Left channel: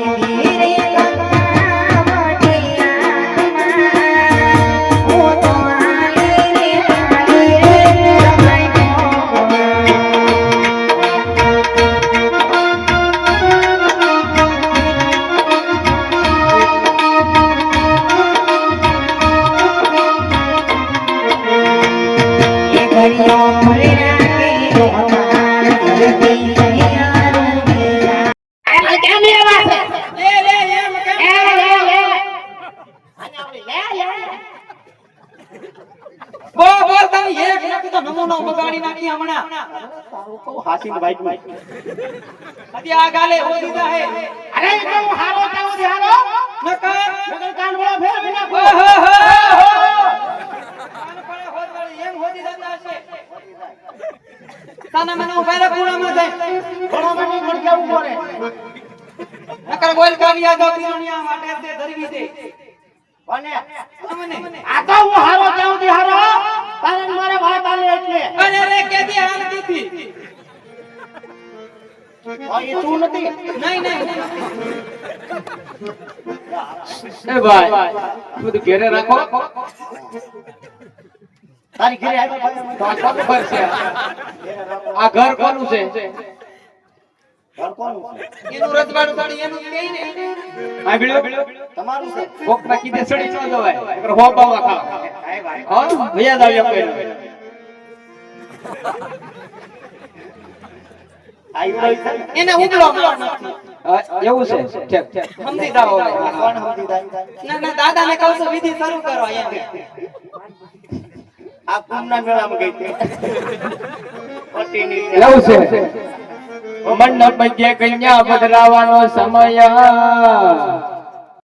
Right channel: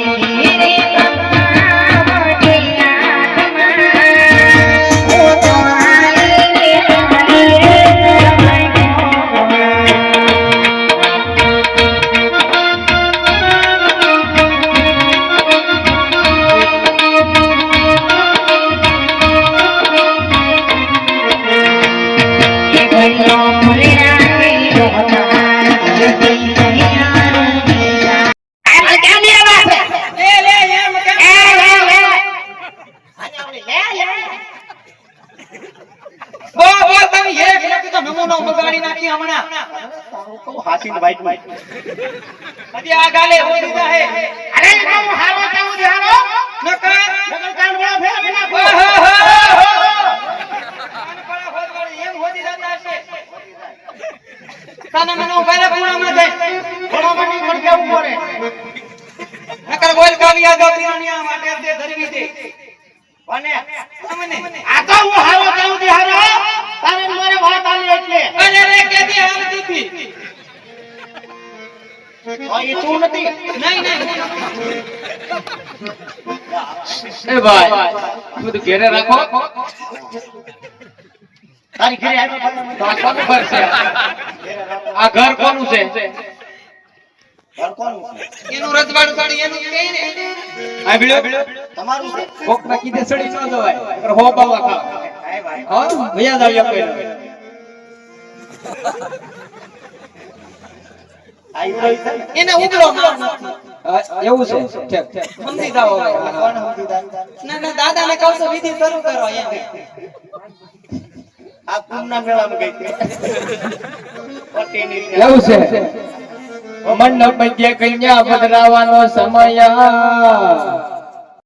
Thank you. નો બગાડી નાખી હમણાં તો હાચીને વાઈટમાં. હજી આ ગાલે હોય દીધા હે અરે તો હું હારો જાઉં છું, હારો. નકર નકર કાનવાળા ફેર ફેર આપો. કાનપડા હોદવાળી એમ હોદી જતા હશે. સાના મને ઊભા રે પૂરામાં જાય. ઘોડામાં નહીં ઘડી જવું પડે. નકર ગોલ કાવ્યા દો પીવાનિયા માટે તે ધરવી દે. અને આ તો હું હારો એ તું નથી. નહીં નહીં એ ભાઈ બધું ઘેરે રાખો. તારી ઘરે આ કોનું ઘર છે? આ ઘર કોનું છે? ઘર કોનું છે? એનું રજવાડું કાઢી એનું કે આ ભીડો તમારું છે? કોક ના કીધે સડી ન જવાય. હો બાવા ખાવ. હા ભૈયા? એને ઉગલો માર એવું છે? ઠીક ઠીક. સમજી જાય? ના ના દાદાને કહું છું વિધિ શરૂ કરો આ કુંભના મેળામાં ગઈ હતી. એવું છે? મંડપ મધ્ય કન્યા પધરાવાનો સમય